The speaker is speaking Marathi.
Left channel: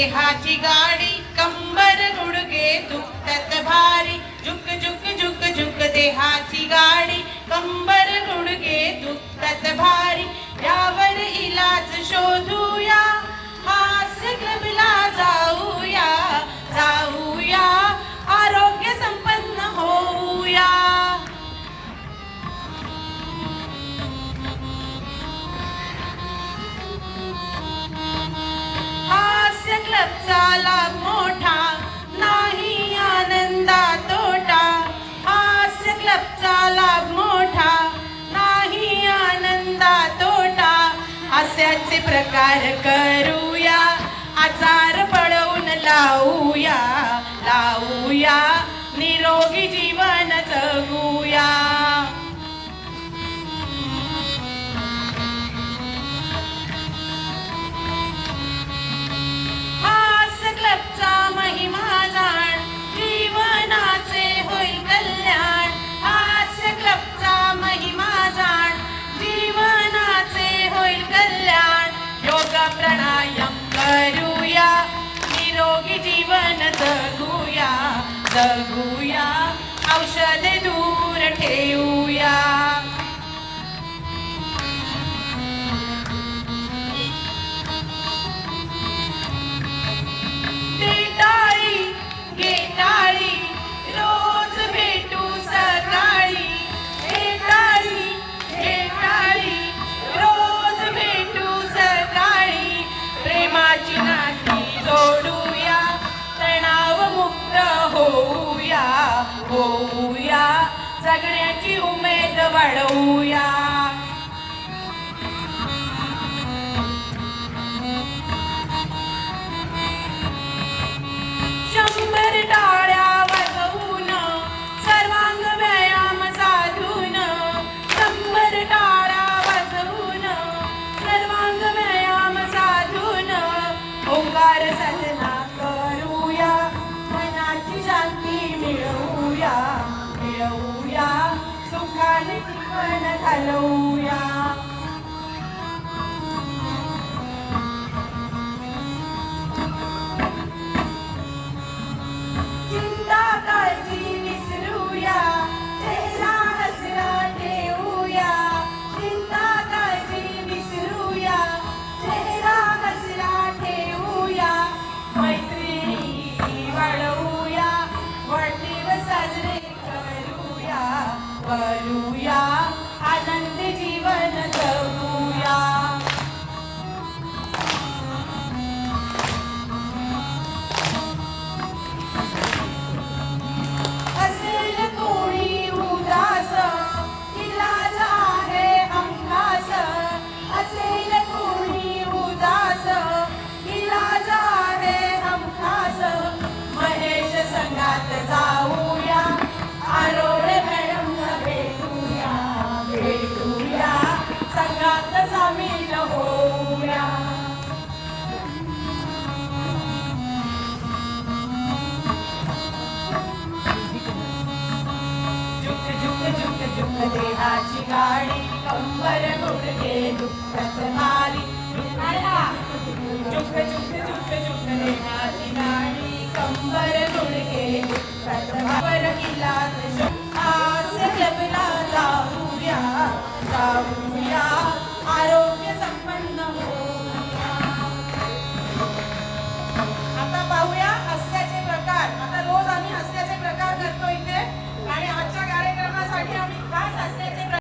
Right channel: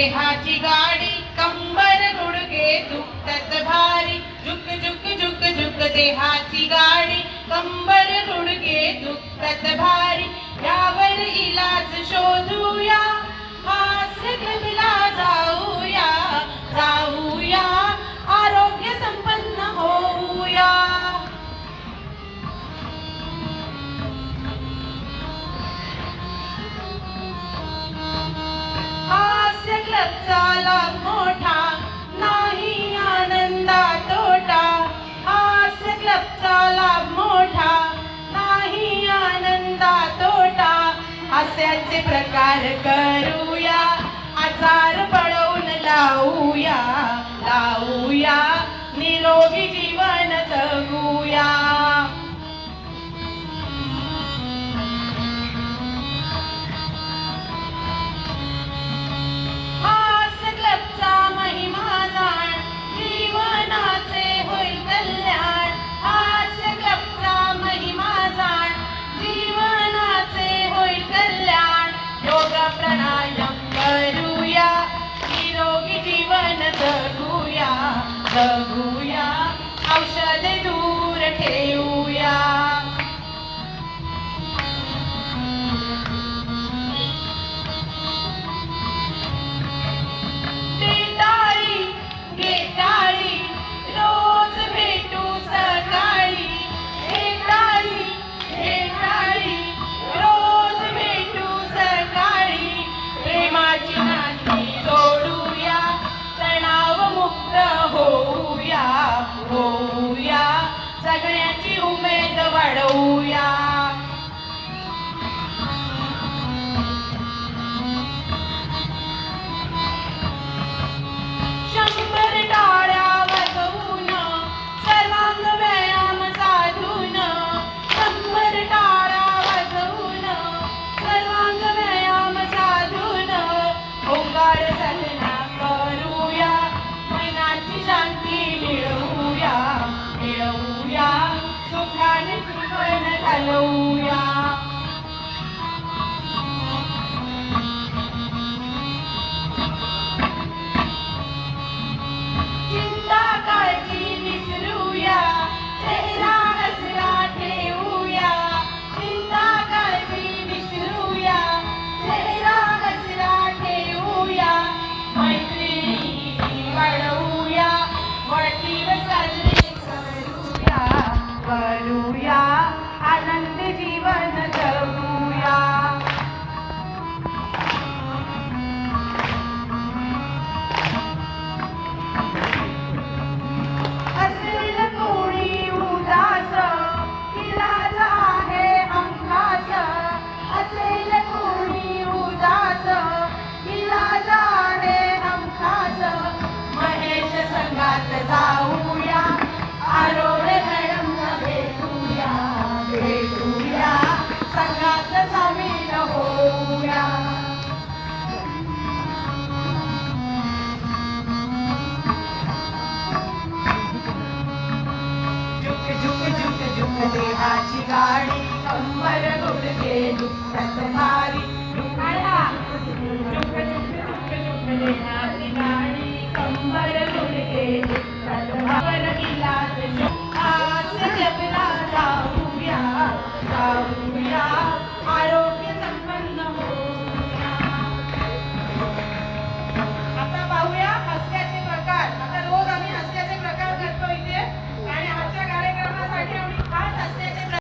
देहाची गाडी कंबर गुडगे दुखत भारी. झुक झुक झुक झुक देहाची गाडी कंबर गुडगे दुखत भारी. ride a gun. जगूया औषध होऊया जगण्याची उमेद वाढवूया. calor. കാടി കമ്പര കൊടുക്കേണ്ടു